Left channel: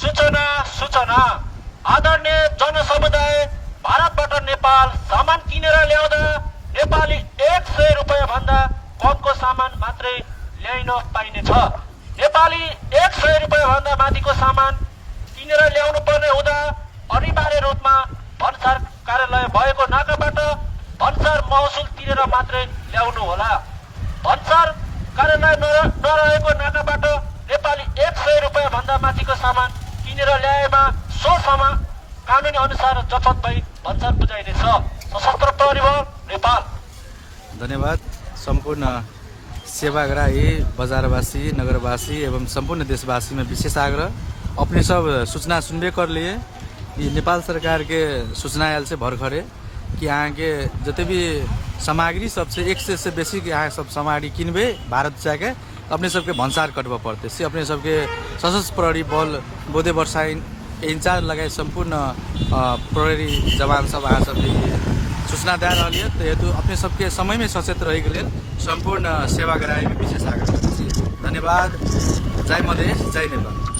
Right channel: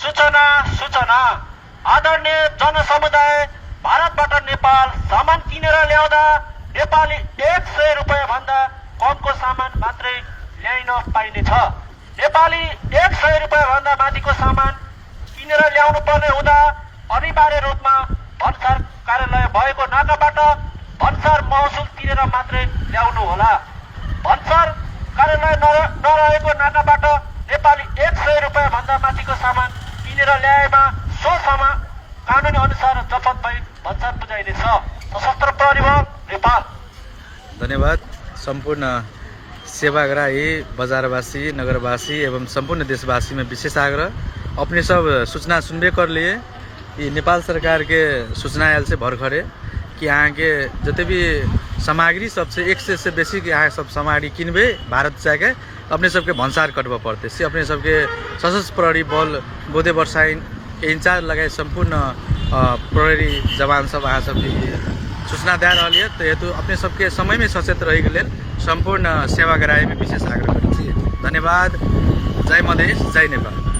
सूचना सूचना आदरणीय जनसमुदाय भारतबाट नेपाल सामान किनेर ल्याउँदा नेपाली 100 रुपैयाँ भन्दा कमको सामान मात्रै ल्याइन पाइनेछ। नेपाली 100 रुपैयाँ भन्दा माथिको सामान किनेर ल्याउनु पर्ने हुँदा अनिवार्य रूपमा भन्सार कार्यालय भएको नाकाबाट भन्सार महसुल तिरेर मात्रै ल्याउनु होला। भन्सार कार्यालय नरहेको नाकाबाट नेपाली 100 रुपैयाँ भन्दा माथिको सामान किनेर ल्याएमा सो सामान कानुनी अनुसार जफत भई भन्सार बुझाइनेछ। सशस्त्र प्रहरी बल नेपाल। धन्यवाद। संपूर्ण सेवाग्राही, बाजारवासी, नगरवासी एवं संपूर्ण देशवासी में विशेष आग्रह, अपने सब सूचना सुनबे कर लिए कि नेपाल सरकार के सूचना आयल से भर्खरे कि यहाँ के जते भी सामग्री सबसे 100 से बेसी के यहाँ सब सामग्री किनबे भारत जाके अपने सबके भन्सार कटवा पड़ते से अपने सबके सशस्त्र प्रहरी बल बोधे वर्षाइन इंचार्ज लगाए संपूर्ण प्रहरी जवान सब अहाँ सबके सूचना दे रही है। तो हेतु अपने सबके समय में सचेत रही के संपूर्ण सेवाग्राही में विशेष आग्रह। धन्यवाद। जय मधेश, जय नेपाल।